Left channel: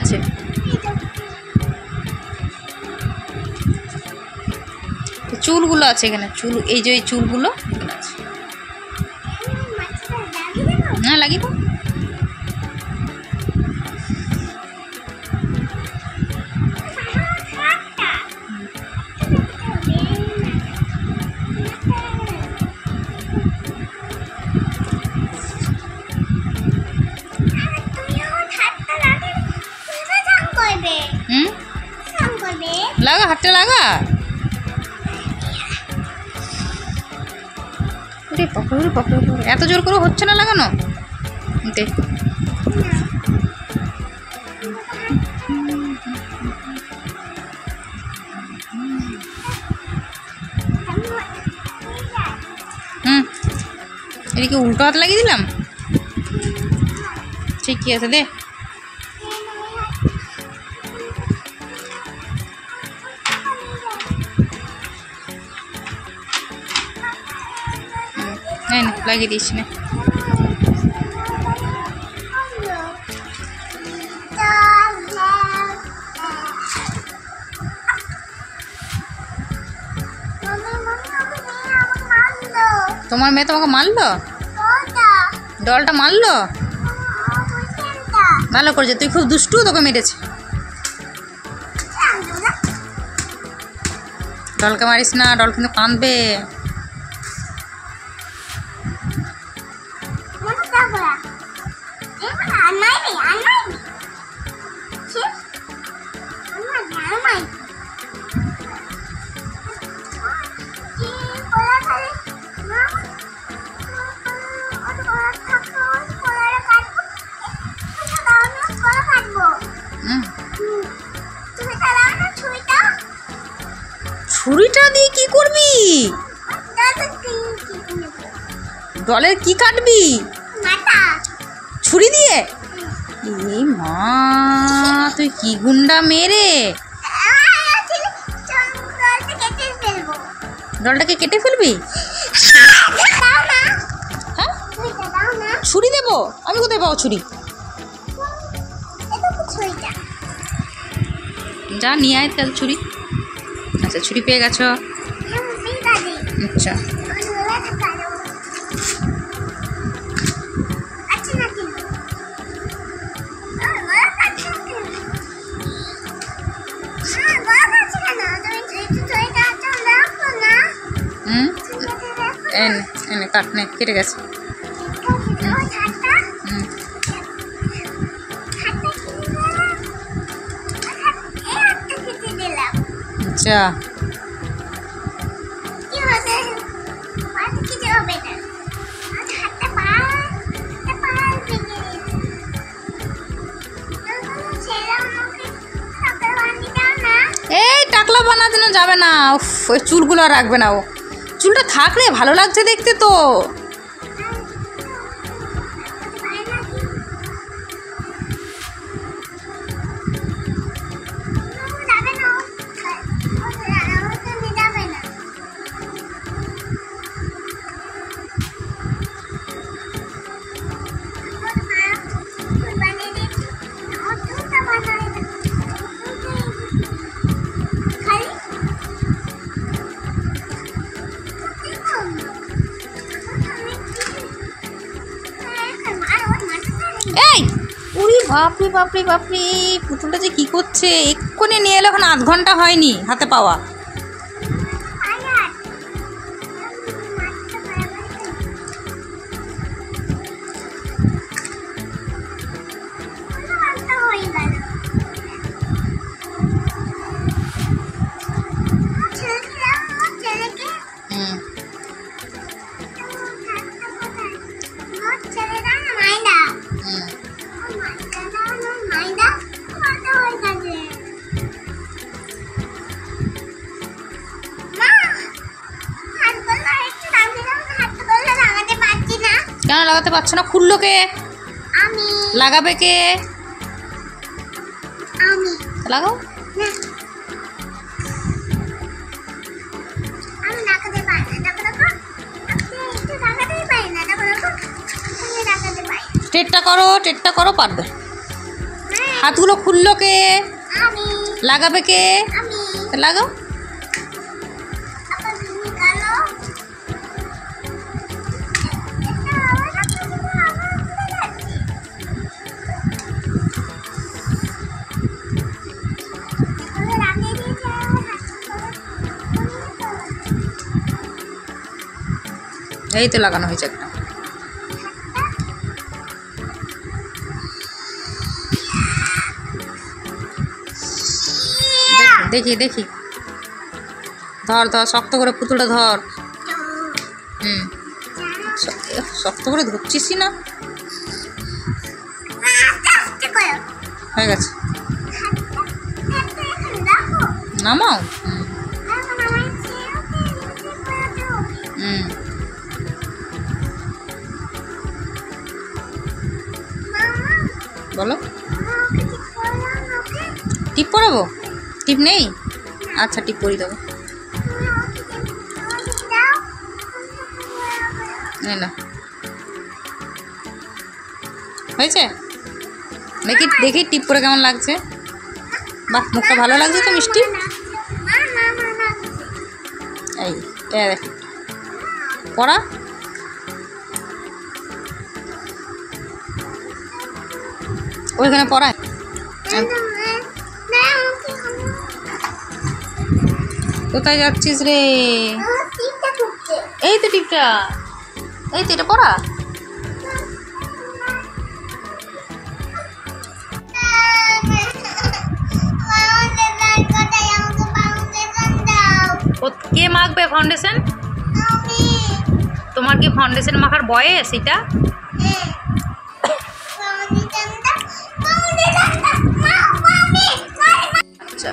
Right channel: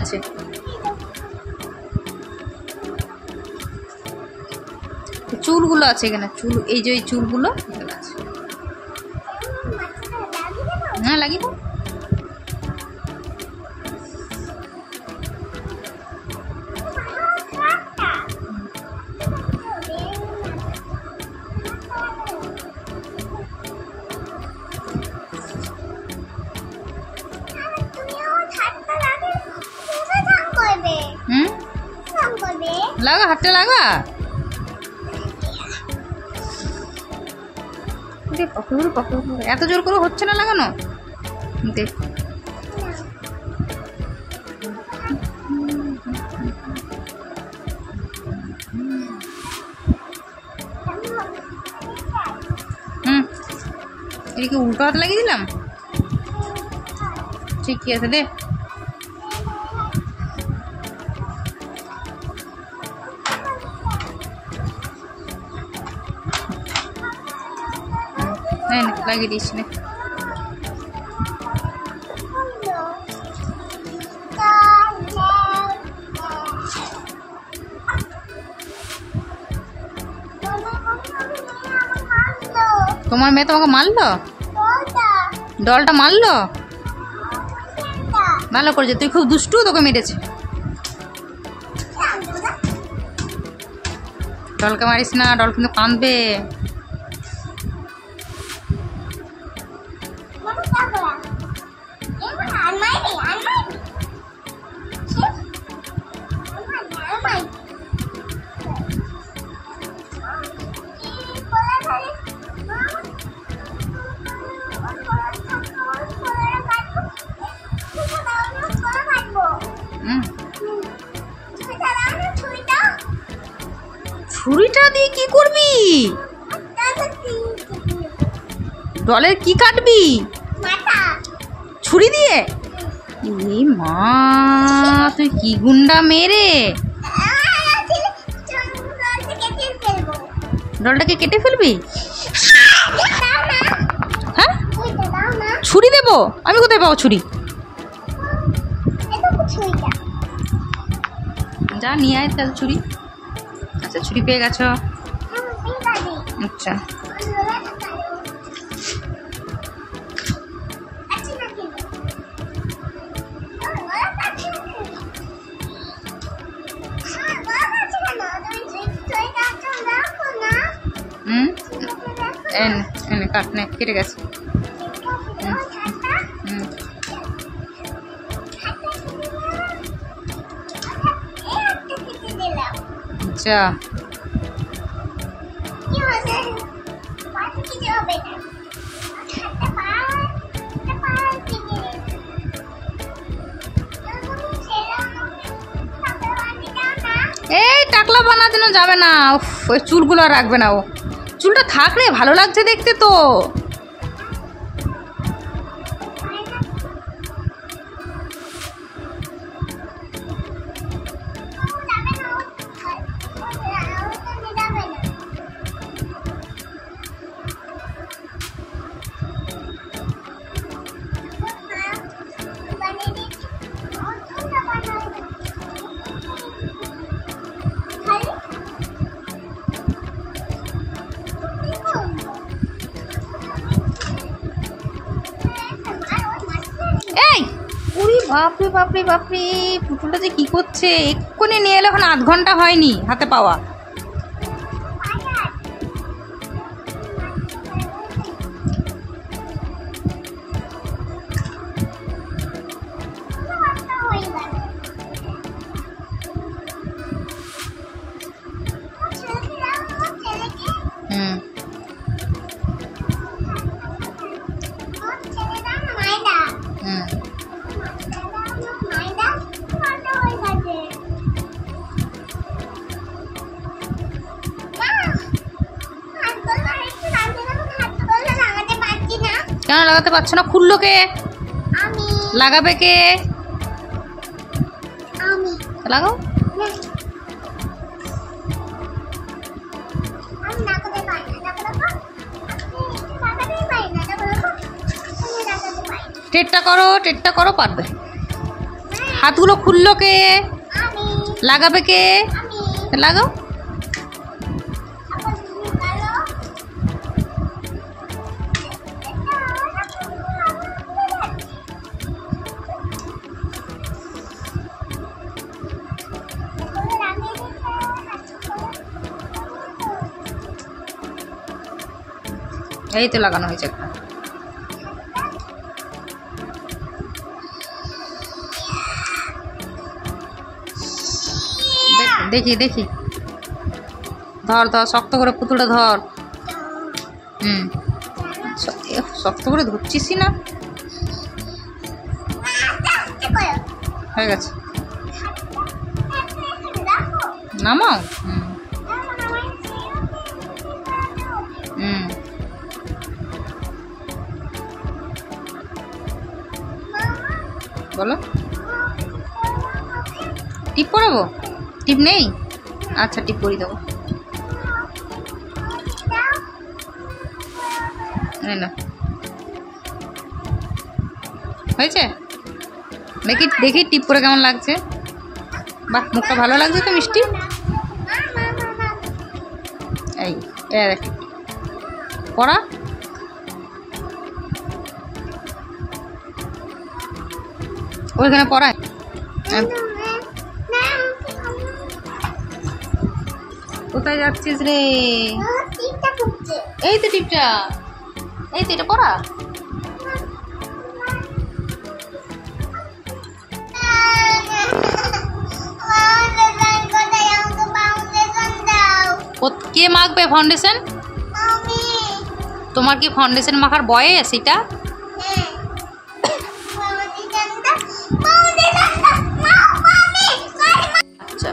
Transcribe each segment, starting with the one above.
আছে? চুলগুলো আছে এখানে, চুল, এই যে এই চুলগুলো এখানে আছে। হ্যাঁ, লাগিয়ে দাও। লাগা, হাতটা লাগা। এত জোর করে হচ্ছে না লাগানো। দেখ, এদিকে উল্টো হাত লাগিয়ে দিলাম। ঠিকই আছে, দে। লাগিয়ে দিচ্ছি না। তোমার মেয়ে তোমাকে মারলো? ডলটা মারলো? ভালো করেছে, তুই খুব দুষ্টু, তোকে মেরেছে। ডলকে মারিস না, ডল কিন্তু কাঁদবে। ছুরিটা দিয়ে কি করবি? ডলের কি কাটবি? ছুরি দিয়ে? এ মা, তুই কি গুন্ডা মেরে! ডলটাকে কেটে ফেলবি? হ্যাঁ, ছুরি দেবো? আমি কোথায় পাবো ছুরি? যা নিয়ে আয় তাহলে ছুরি। আচ্ছা, ছুরি পেয়ে গেছো? আচ্ছা, এনে কাট, নে, কেটে গেছে। আচ্ছা, এই টাকলা বানানো যাবে না। ওই চুলগুলো রাখবে না, ও চুলটা থাকলে ভালো লাগছে দেখতে তো। এই উরি বাপরে বাপরে বাপরে, পুতুলটা যে কি করছে! এক্ষুনি নিয়ে এলো, এখন আধ ঘন্টা হয়নি হাতে পাওয়া। কেন লাগাতে পারছো না? খুললো কে? আমি। লাগাবে কে? আমি। লাগাও। আমি লাগাতে পারি না। দেখো একটু লাগাতেই পারি না। দেখো আমি লাগাতে পারি। টেটটা করো, পারবে। হাতগুলো খুললো কে? আমি লাগাবে কে? আমি তা লাগাও। আবার তুমি কালো এটা আমার হাতে দিলে আমার খুলে যাচ্ছে এগুলো লাগিয়ে দিয়েছে আমার হাতে এই তো লাগানো হয়েছে একটা। দেখি দেখি, ধর ধর, শক্ত করে পুতুলটা ধর। হুম, শক্ত করে ধরছিসই না। হয়ে গেছে, নামাও। হুম হুম, বলো। টিপ পরাবো? টিপ নেই? আচ্ছা, টিপ পরিয়ে দেবো। না, হয়েছে? দেখি দেখি টিপ পরে কেমন লাগছে। বাহ, মুখটা ভালো লাগছে তো, মিষ্টি। এই দেখ, পড়া। ওইখানে পড়ায়। কোথায় যাচ্ছিস রে? এই তো টিপটা, এই তো এটা পড়া। কে মাখবে ফাউন্ডেশন? তোমার কি ফাউন্ডেশন মাখার বয়স এটা? আচ্ছা,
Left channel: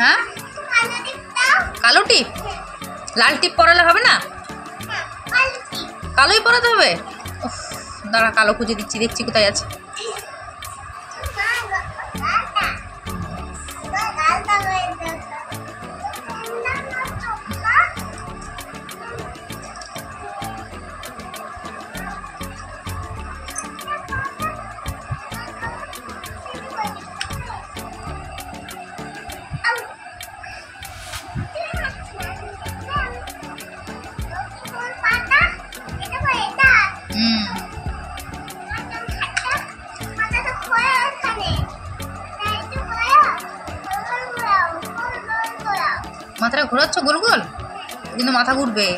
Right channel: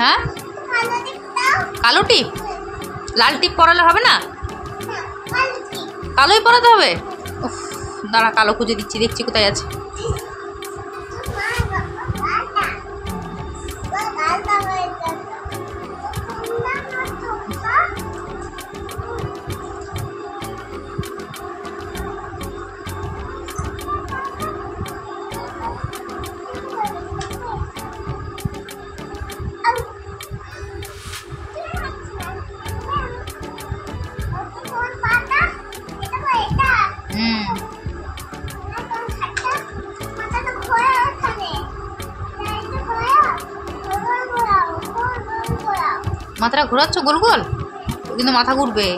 হ্যাঁ, কালো টিপ? লাল টিপ পরালে হবে না? কালোই পরাতে হবে? উফ, দাঁড়া, কালো খুঁজে দিচ্ছি, দেখছি কোথায় আছে। মাথাটা ঘোরাচ্ছ গোল গোল, কিন্তু মাথা ঘুরবে।